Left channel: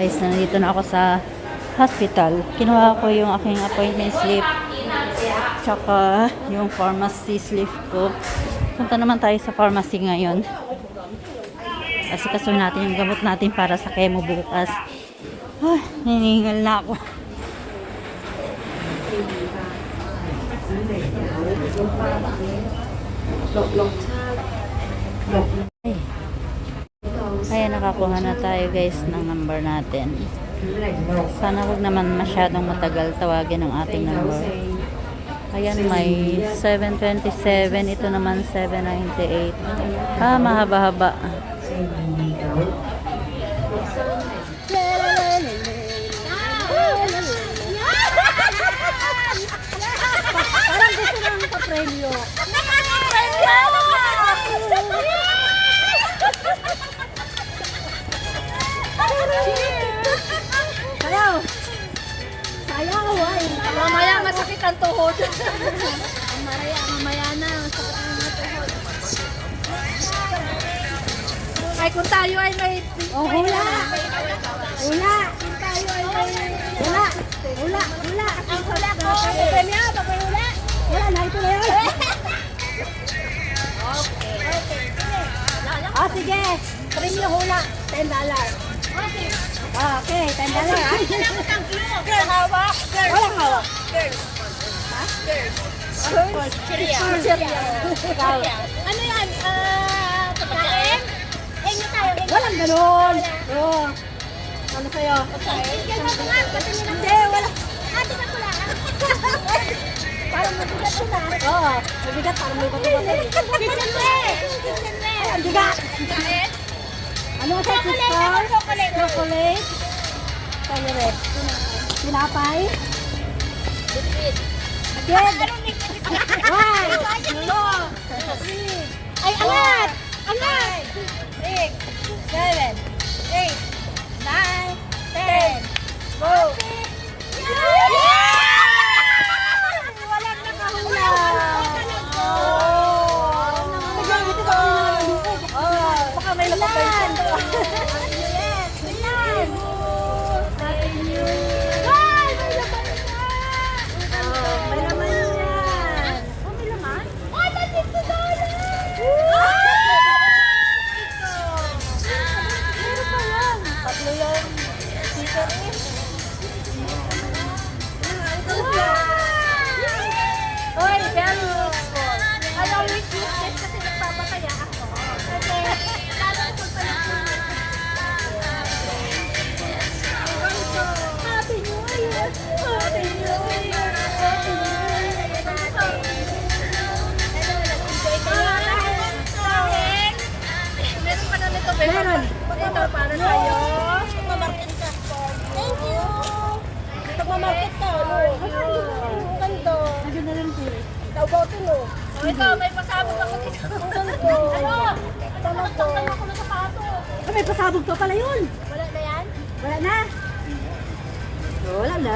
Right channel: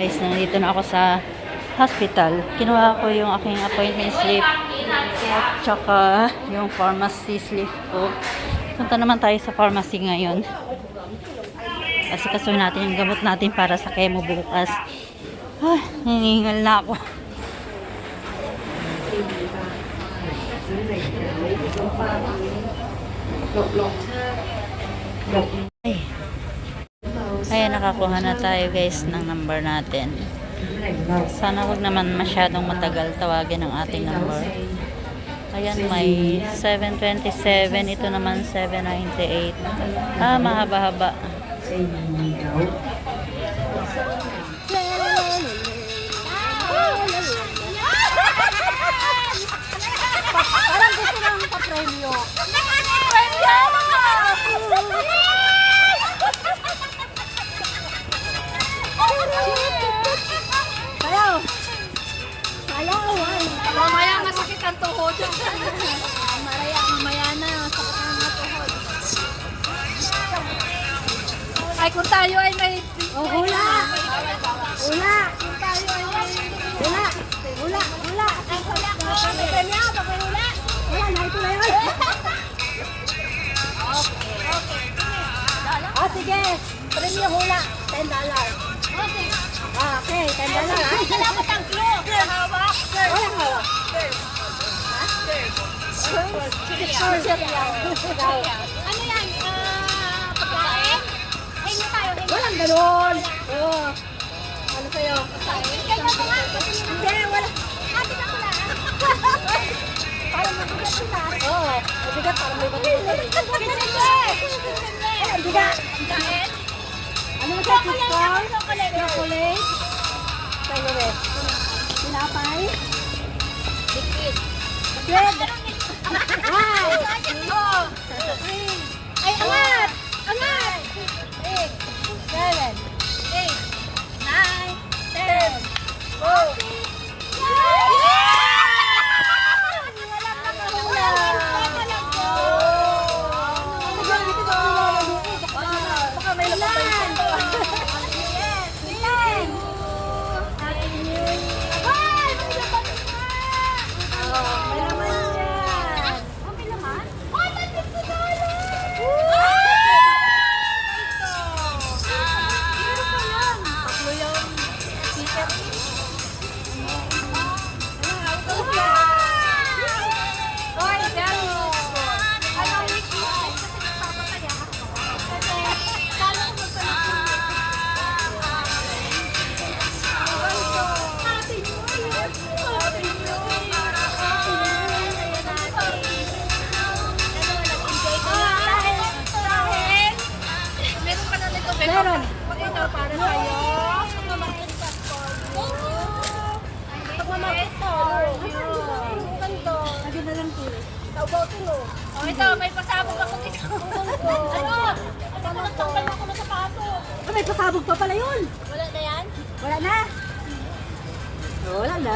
Guys, nandito na ako sa hospital. Kinuha ko yung aking appointment slip at saka yung pharmacy slip ko. Punta naman tayo sa pharmacy ngayon. Kasi kaso natin yung gamot natin para sa chemo bukas. Ay, nangingal na ako. Ay. Ayan, nakakuha na tayo guys ng number natin. Sana wag naman masyadong matagal tawagin ang ating number. Ayan, may 727. Ito naman 798. Ah, mahaba-haba. Parang gusto lang pa-premyo. Sayaw! Sayaw! Mamaya masakit ang tuhod. Mamaya na. Sakit ang tuhod. Ay, kung tayo ay may... Oh, hula! Hula! Kung tayo ay may... Hula! Hula! Hula! Ang hula ko! Premyo! Pag-hula! Wala na, ito na yun! Okay. Okay. Oh, sige. Premyo hula. $10. Okay, $10. Dapat ang clue. Girl, hawak. Walang hawak. Girl. Ha? Girl. Cereal. Ano yan? Pagkain? Hingi tayo. Walang ganun. Ano sa'yo? Ikaw ba nga? Hindi, wala. Ate ka pula. Parang mabigat ko na. Oo, mabigat. Parang mabigat. Ay, ang bigat. Ano sa crystal? Chocolate. Chocolate. Tinapay. Liquid. One. Ay, angat! Angat! 6, 7, 8, 9, 10. Go! Walang nakahula! Baka may napapansin ko. Yes! Ilan! Thank you! Ay! May laman na! May laman yan! Oh, may laman? Oh, $50! Meron pa lang. Tatlo yung sticker eh. Oy, very useful. Alam mo, useless kasi nagpapakaya ako. Kasi, lalo ko magpalit. Happy New Year! Happy New Year! Happy New Year! Meron pa na nito. Meron. Ito para sa'yo. Thank you. Pagmamarket to. Ganto. Nagyan na lang po. Naubotin mo. O ito, may pasabog ako dito. Ganto. Talaga. May pasabog pa pala yun. Wala na yan? Wala na. Wala na.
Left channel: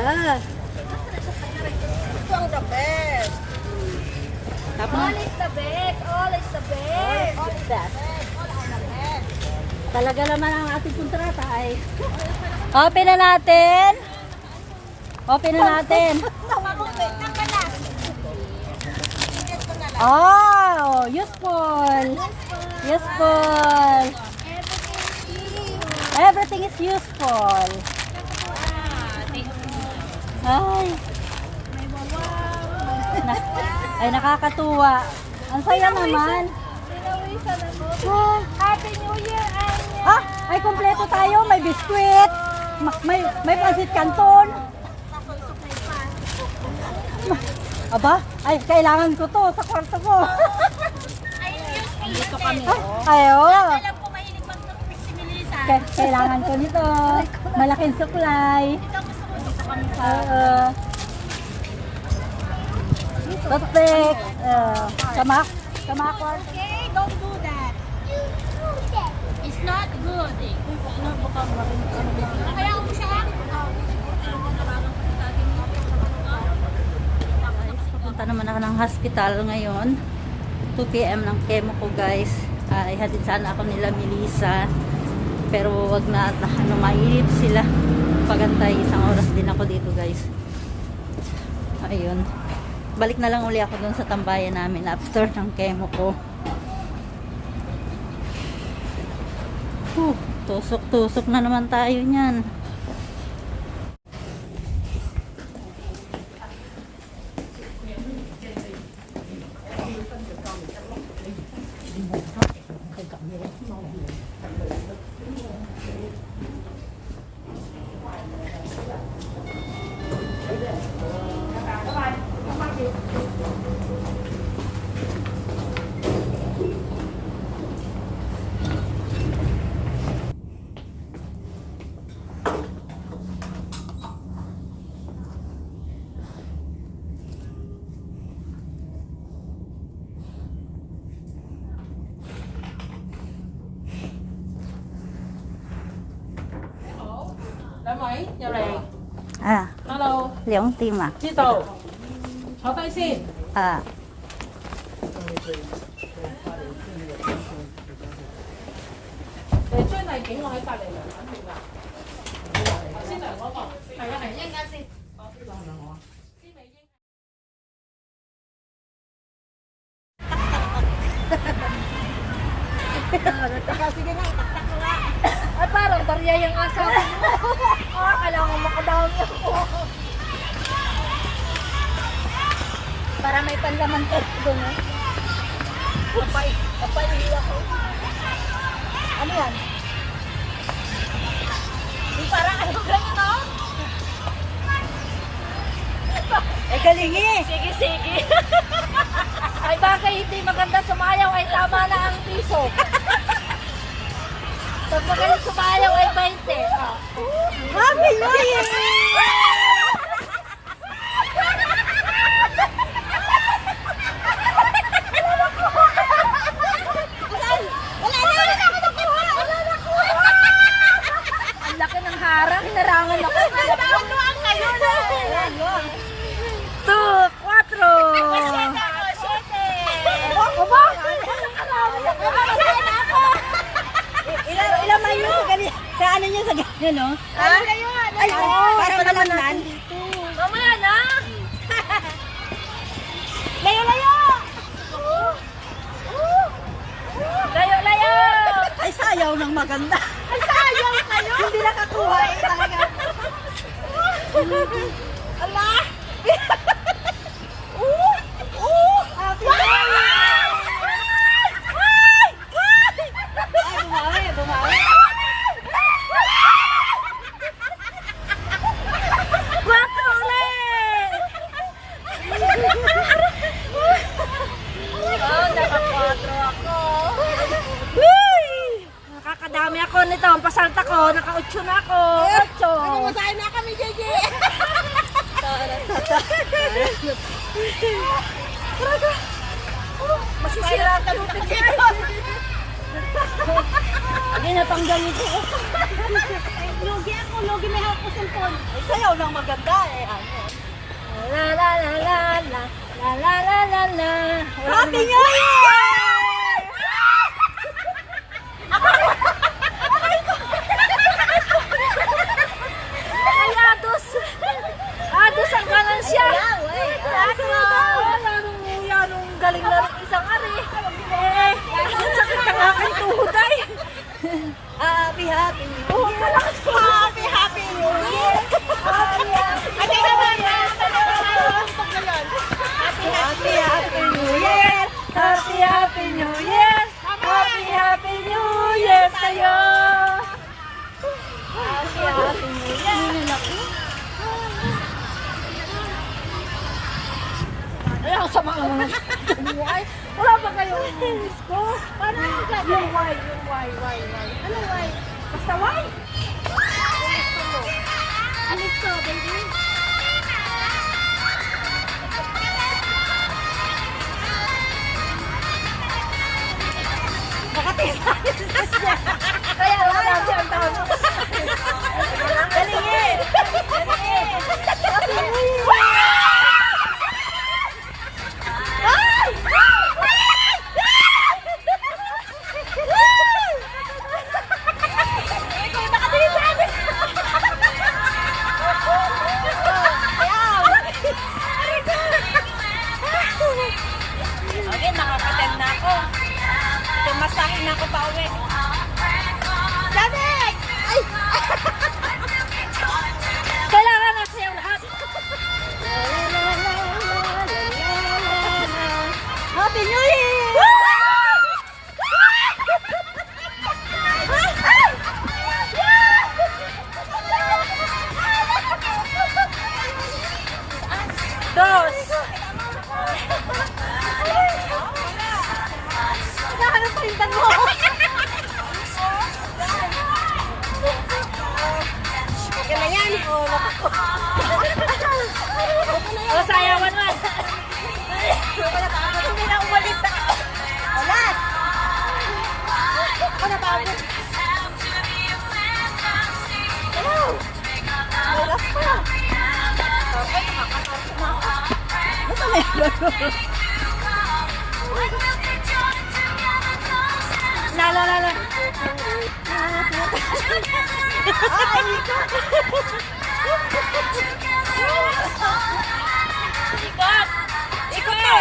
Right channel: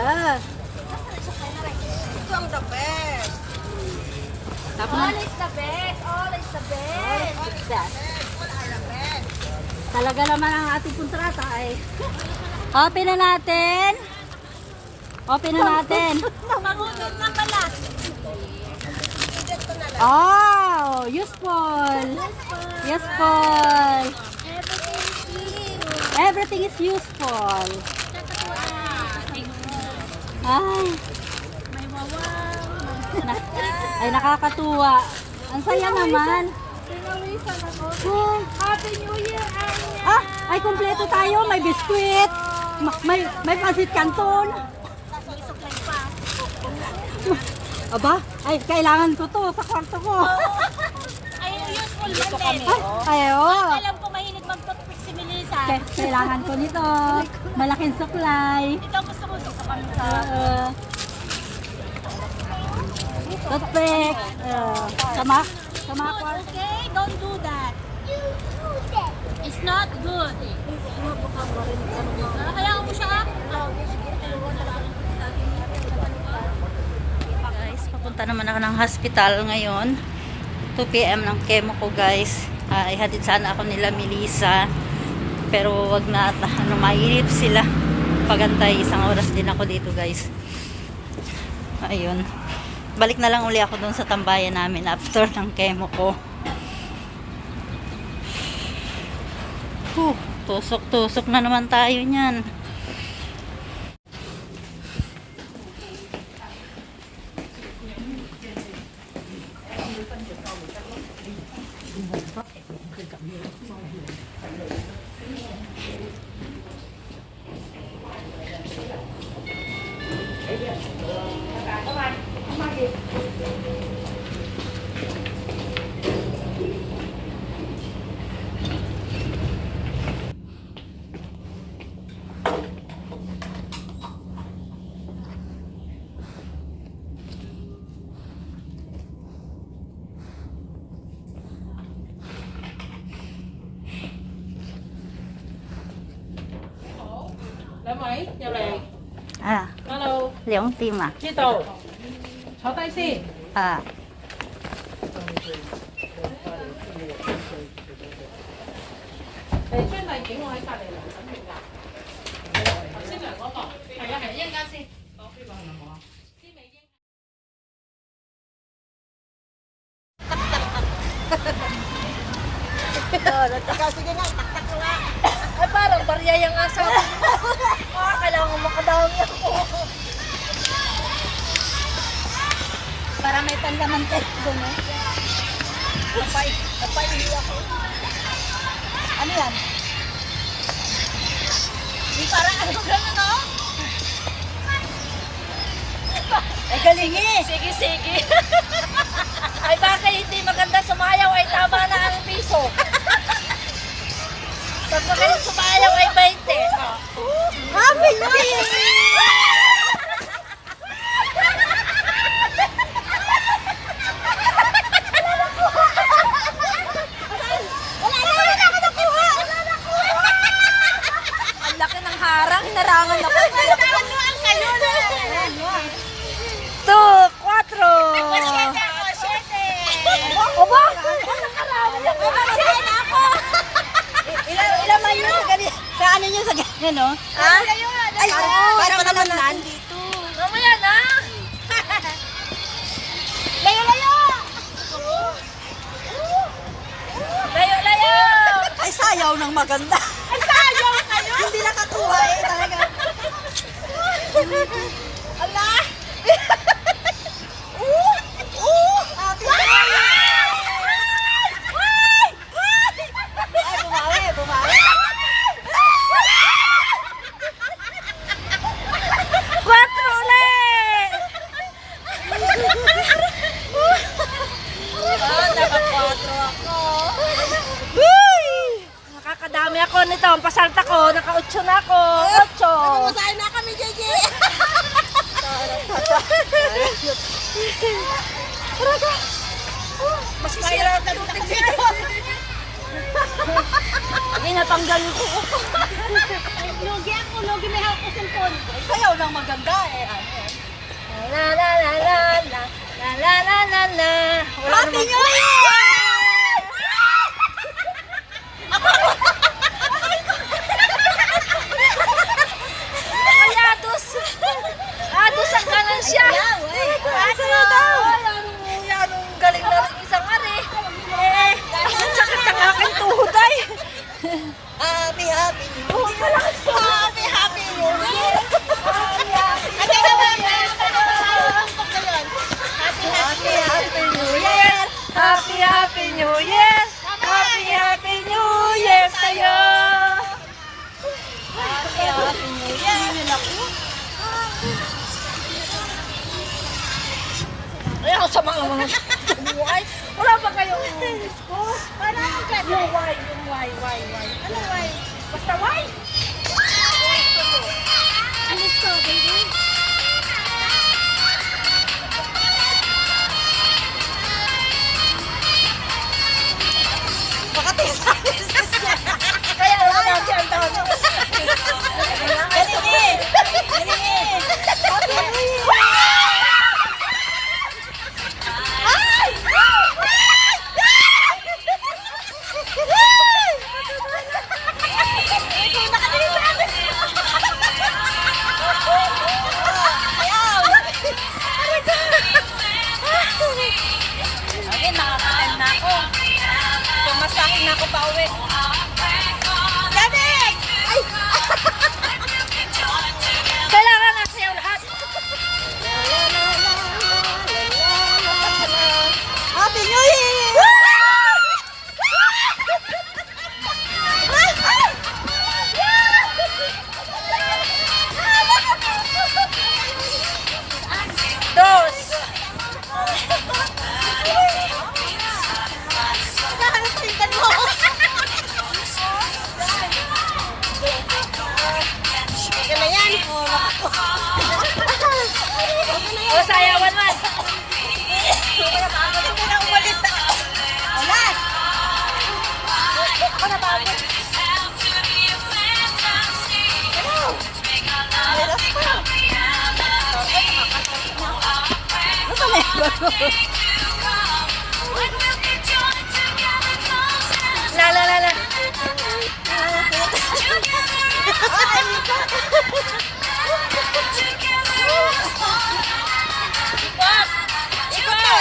Ito ang the best. All is the best. All is the best. Talaga naman ang ating kontrata ay. Open na natin. Open na natin. Oh, useful. Useful. Everything is useful. Ay. Ay, nakakatuwa. Ang saya naman. Happy New Year! Ah, ay kompleto tayo. May biskwit. May pansit canton. Aba, ay kailangan ko to sa kwarto ko. Dito kami. Ayo. Alam ko mahilig mag-toothpick si Melissa. Kailangan ko nito. Malaking supply. Ito gusto ko dito kami sa... Toothpick. Sama kwarto. Okay, don't do that. It's not good. Kaya mo siya. Guys, papunta naman ako ng hospital ngayon. 2 PM ng chemo ko guys. Ihatid sana ako nila Melissa. Pero wag na, mainip sila. Pagantay, 1 oras din ako dito guys. Ayun. Balik na lang uli ako doon sa tambayan namin after ng chemo ko. Tusok-tusok na naman tayo niyan. Lấy mấy? Nhà này. À, Hello. 2 tim à? Đi tàu. Cháu tay xin. À, Để chuyên này kính của hai bạn này là nó mình làm. Xin lỗi có cỏ. Phải là phải nhân ca xin. Có phi bằng là có. Sige nga, taktak ko nga. Ay, parang barya yung asa ko. Kailangan makadami ako. Para may panlaman tayo doon, eh. Napaihi ako. Ano yan? Di parang ano gano'n, no? Ay, galing eh. Sige. Ay, bakit hindi maganda sumayaw? Ay, tama na ang piso. Pag magaling sumayaw ay 20. Happy New Year! Wala na ako nakuha! Ang laki ng harang, narangan ako. Taluan kayo na! 2, 4. Oba! Ilan man yun sa ganyan? Sa ano nyo sa ganyan, no? Ha? Ay, parang malamnan. Mamaya na! Layo! Layo! Ay, sayaw ng maganda. Ay, sayaw kayo? Hindi nakakuha eh, talaga. Ala! Happy New Year! Bumawi. 4 ulit! Naka-4 ako. Nakakadami ako nito. Ang pasalta ko, naka-8 na ako. 8. Nagmamasahin na kami, JJ. Masisira ka luting siya. Hindi natanggal ko. Logi may hawak ko cellphone. Sayaw ng maganda eh. La. Happy New Year! Ay, Ados ang kanan siya. Yanong galing na rin isang ari. Ang sakit ang aking tuhod ay. Happy New Year! Happy New Year! Happy New Year! Happy New Year! Happy New Year sa'yo! Happy New Year! Ayaw sa mga buhay. Wala ba kayong disco? Paano ang ganda? Yung Y. Ano Y? Basta Y? Ano to, baby? Kaya wala lang siya ang taon. Galingin! Happy New Year! ako pa uwi. Danik! Ay! Kailangan na sayaw lahat. Happy New Year! Dos! Nakahanap pa yung mo! Okay na yan. Oh, nakako. Oh, sayawan man. Hindi na umalis na. Ulas! Ako napagod. Hello! May last pa. Tapos nakakatapos na ako. Basta may bago. La. Ay, ikot!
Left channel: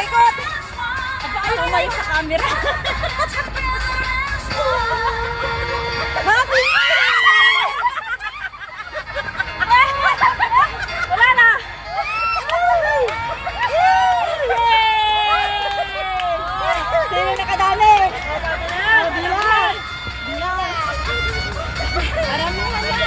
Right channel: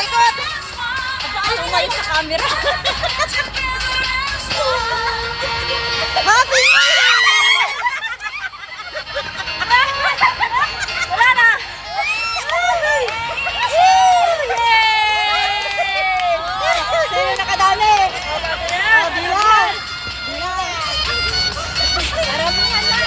Ikot! Aba, ayaw ngayon sa camera. Happy! Wala na! Yay! Sino nakadami? Bilan! Maramihan na!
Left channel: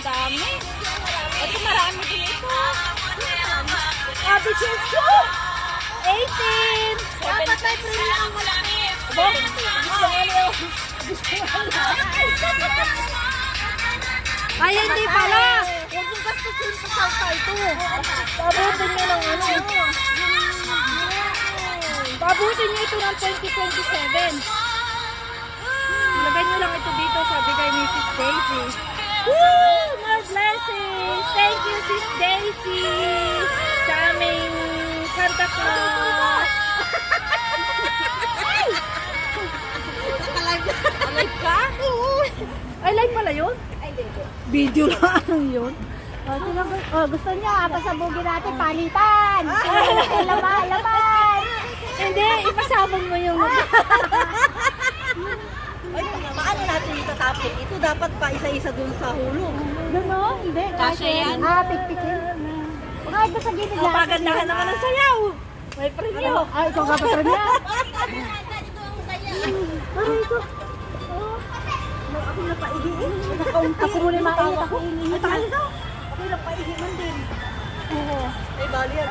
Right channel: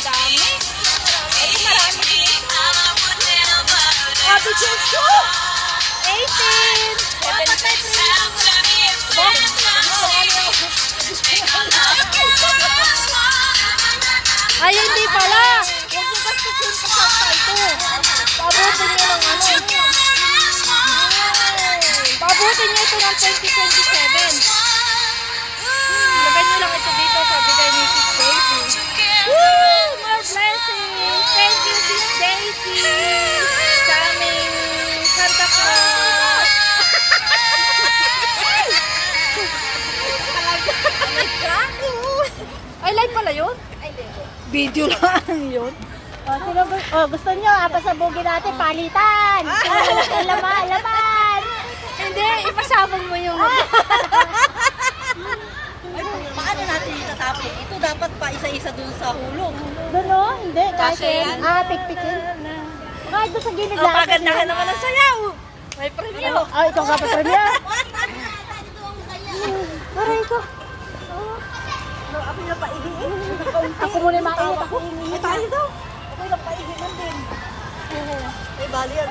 Dami. Ito marami din ito. Happy Chuchu! 18! Dapat may premium ang malaki. Aba? Ay, hindi pala. Huwag yung gastusin pa sa ito. Pabutin nyo ng ano. Pabutin nyo ito ng 2027. Ilagay nyo lang ito dito, sabi kay Mrs. Daisy. Woo! More blessings! Thank you, Sis Daisy! Sa aming Santa Claus! Live ka? Ay, live pala yun? Ay, hindi. Video lang yun. Gusto nyo, pasabugin natin, palitan! Laban! Hindi, ipasabog mo yung... Ay, paano natin itatapon? Ito dapat pa isa-isa dun sa hulog. Ganon? Hindi, Kasi yan. pikpikin. Bakit doon sa gilid Oh, paganda ka naman ng sayaw. May premyo. Ikaw nga pa niya. Aray ko. Ako yung napaihiin. Ako muna yung mga Ako yung napaihiin din. Oo. Ay, bali yan.